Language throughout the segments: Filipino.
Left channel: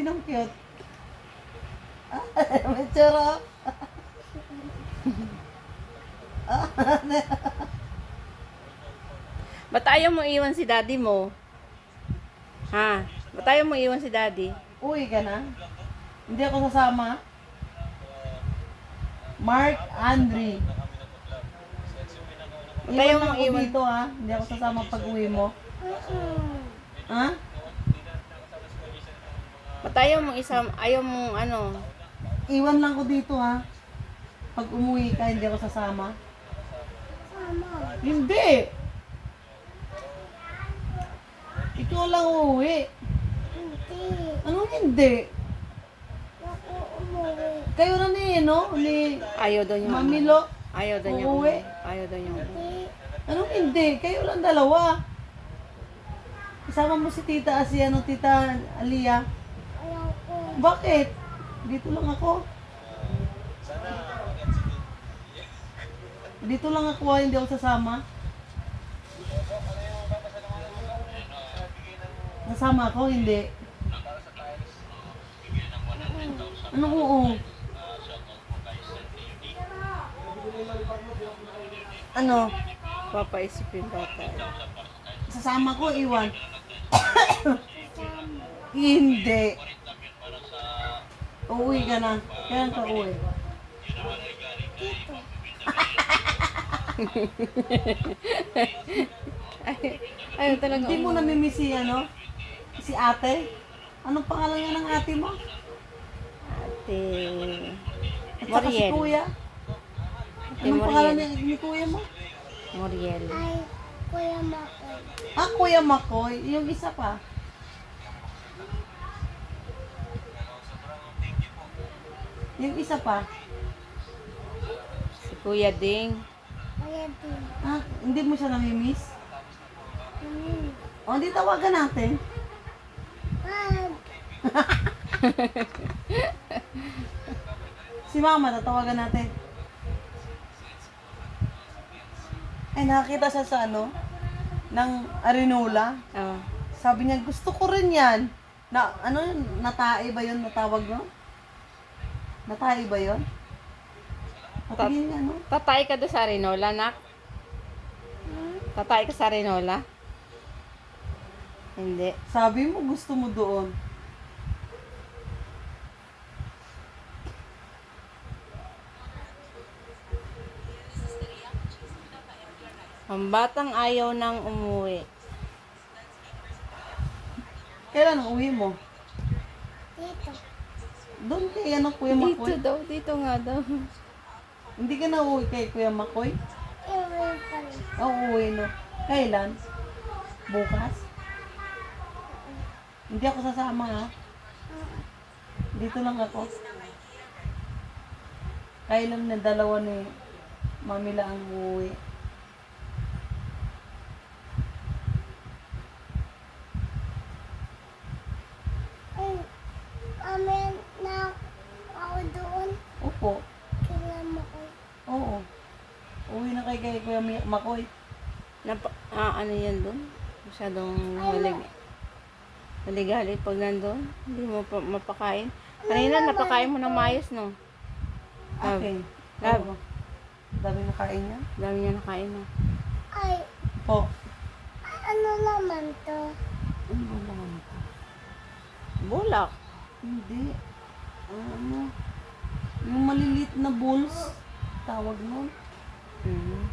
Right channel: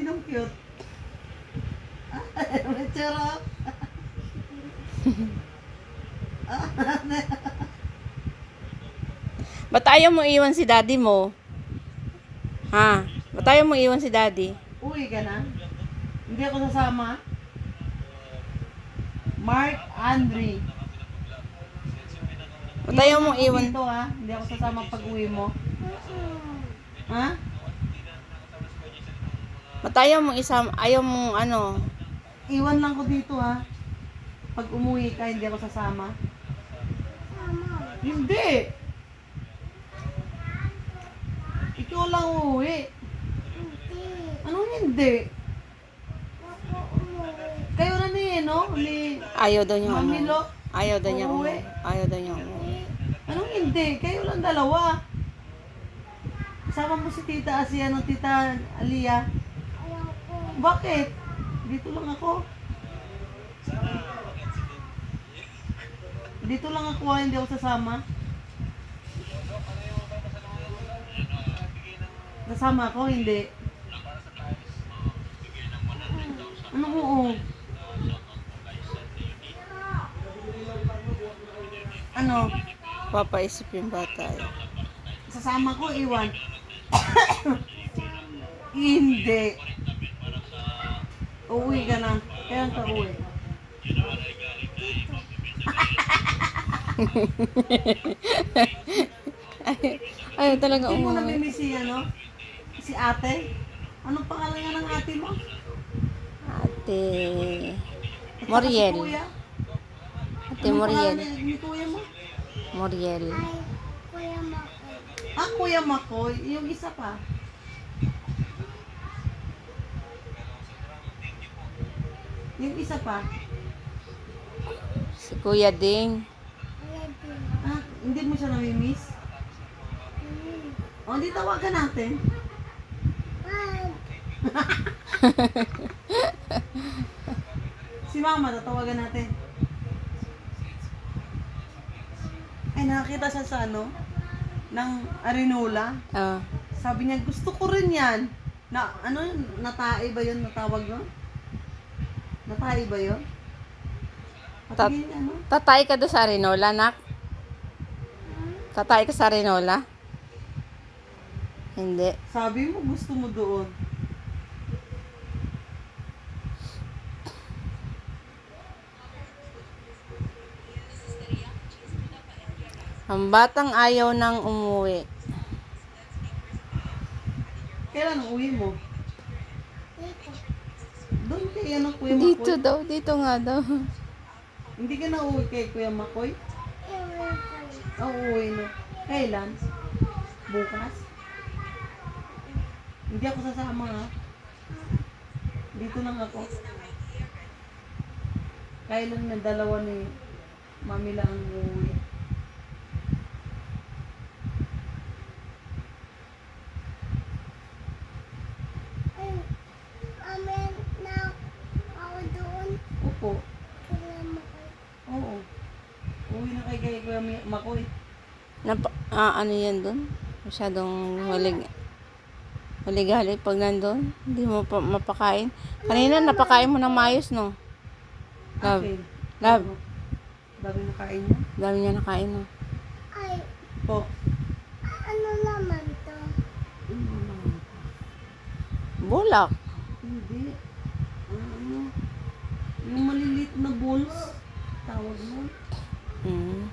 Sinong cute? May tsura. Ba't ayaw mo iwan si daddy mo? Ha? Ba't ayaw mo iwan si daddy? Uwi ka na? Hindi ako sasama. Mark Andre. Ba't ayaw mo ako iwan? dito ha. Hindi ako sasama pag uwi mo. Ha? Ba't ayaw mo isama? Ayaw mo ano? Iwan lang ko dito ha. Pag umuwi ka, hindi ako sasama. Hindi. Ikaw lang uuwi. Anong hindi? Kayo na ni, no? Ni Ayaw daw niya. Mami Lo. Ayaw daw niya. Uuwi. Ayaw daw niya. Anong hindi? Kayo lang dalawa. Isama mo si Tita Asiano, Tita Alia. Bakit? Dito lang ako. Dito lang ako, hindi ako sasama. Sasama ako, hindi. Anong oo? Ano? Papaisip yung bata. Sasama ko, iwan. Hindi. Uuwi ka na. Kailan ka uwi? Ayaw talaga Hindi mo umuwi. namimiss si ano? Si ate? Anong pangalan nga ng ate mo? Ate At saka si Moriel. kuya? Ate Anong pangalan Moriel. ni kuya mo? Moriel. Ah, Kuya Makoy. Yung isa pa. Yung isa pa. Si Kuya Ding. Ah, hindi mo siya namimiss? O, hindi tawagan natin. Si mama, tatawagan natin. Ay, nakakita siya sa ano? Ng Arinola. Oh. Sabi niya, gusto ko rin yan. Na, ano yun? Natae ba yun? Natawag no? Natae ba yun? Patingin ano? Tatay ka doon sa Arinola, nak? Tatay ka sa Arinola? Hindi. Sabi mo, gusto mo doon. Ang batang ayaw nang umuwi. Kailan ang uwi mo? Doon kay ano, Kuya Dito Makoy? daw, dito nga daw. Hindi ka na uwi kay Kuya Makoy? Oo, uwi no. Kailan? Bukas? Hindi ako sasama ha. Dito lang ako. Kailan na dalawa ni Mami lang ang uuwi. Amen na ako doon. Opo. Kailan mo kayo? Oo. Uwi na kay Kuya Makoy. Ano yan doon? Masyadong haligali pag nandun. Hindi mo pa mapakain. Kanina napakain mo ng maayos, no? Love. Okay. Love. Oo. Dami na kain niya. Dami niya nakain, no? Ay, Po. ano naman to? Ano ba naman ito? Bulak. Hindi. Ano? Yung maliliit na balls. Tawag nun. Mm.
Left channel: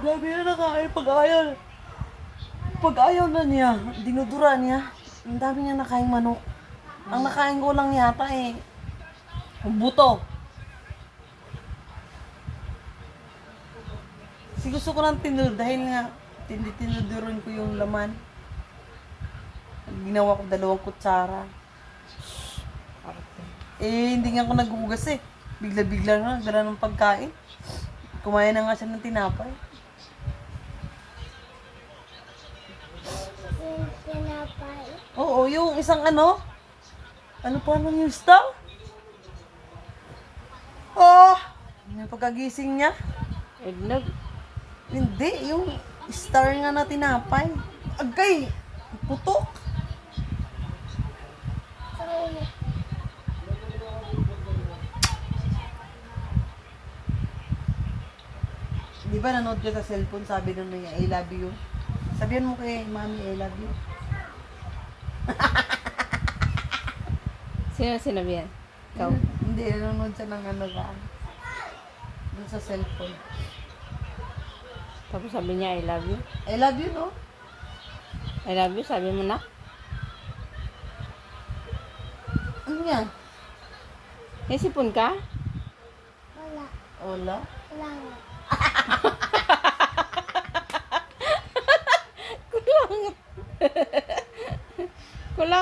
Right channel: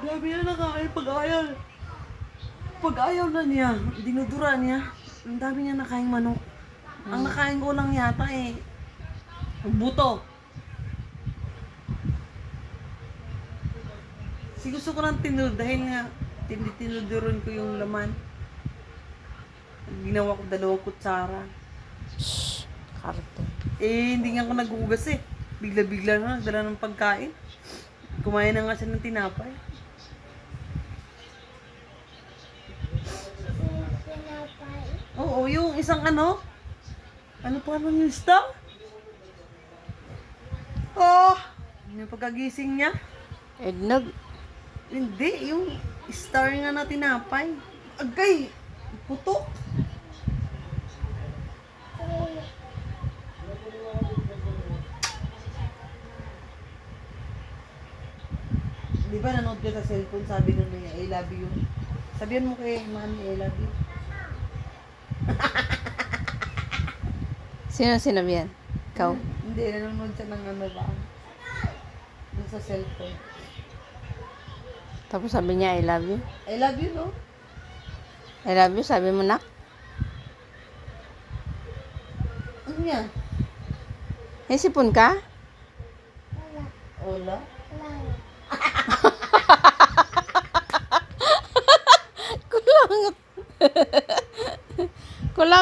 Dami na nakain pag ayaw. Pag ayaw na niya, dinudura niya. Ang dami niya nakain manok. Ang nakain ko lang yata ang buto. Kasi gusto ko ng tinod dahil nga tinudurin ko yung laman. Ginawa ko 2 kutsara. Arte. Hindi nga ako naghugas eh. Bigla-bigla na nagdala ng pagkain. Kumain na nga siya ng tinapay. Pinapay. Oo, yung isang ano? Ano pa naman yung star? Oh! Yung pagkagising niya? Eggnog. Hindi, yung star nga na tinapay. Agay! Putok! Di ba nanood ka sa cellphone, sabi nun niya, I love you. Sabihan mo kay mami, I love you. Sino sinabi yan? Ikaw? Hindi, nanonood siya ng ano ba? Doon sa cellphone. Tapos sabi niya, I love you. I love you, no? I love you, sabi mo na. Ano yan? May sipon ka? Wala. Ola? Wala. Kulang. Kulang.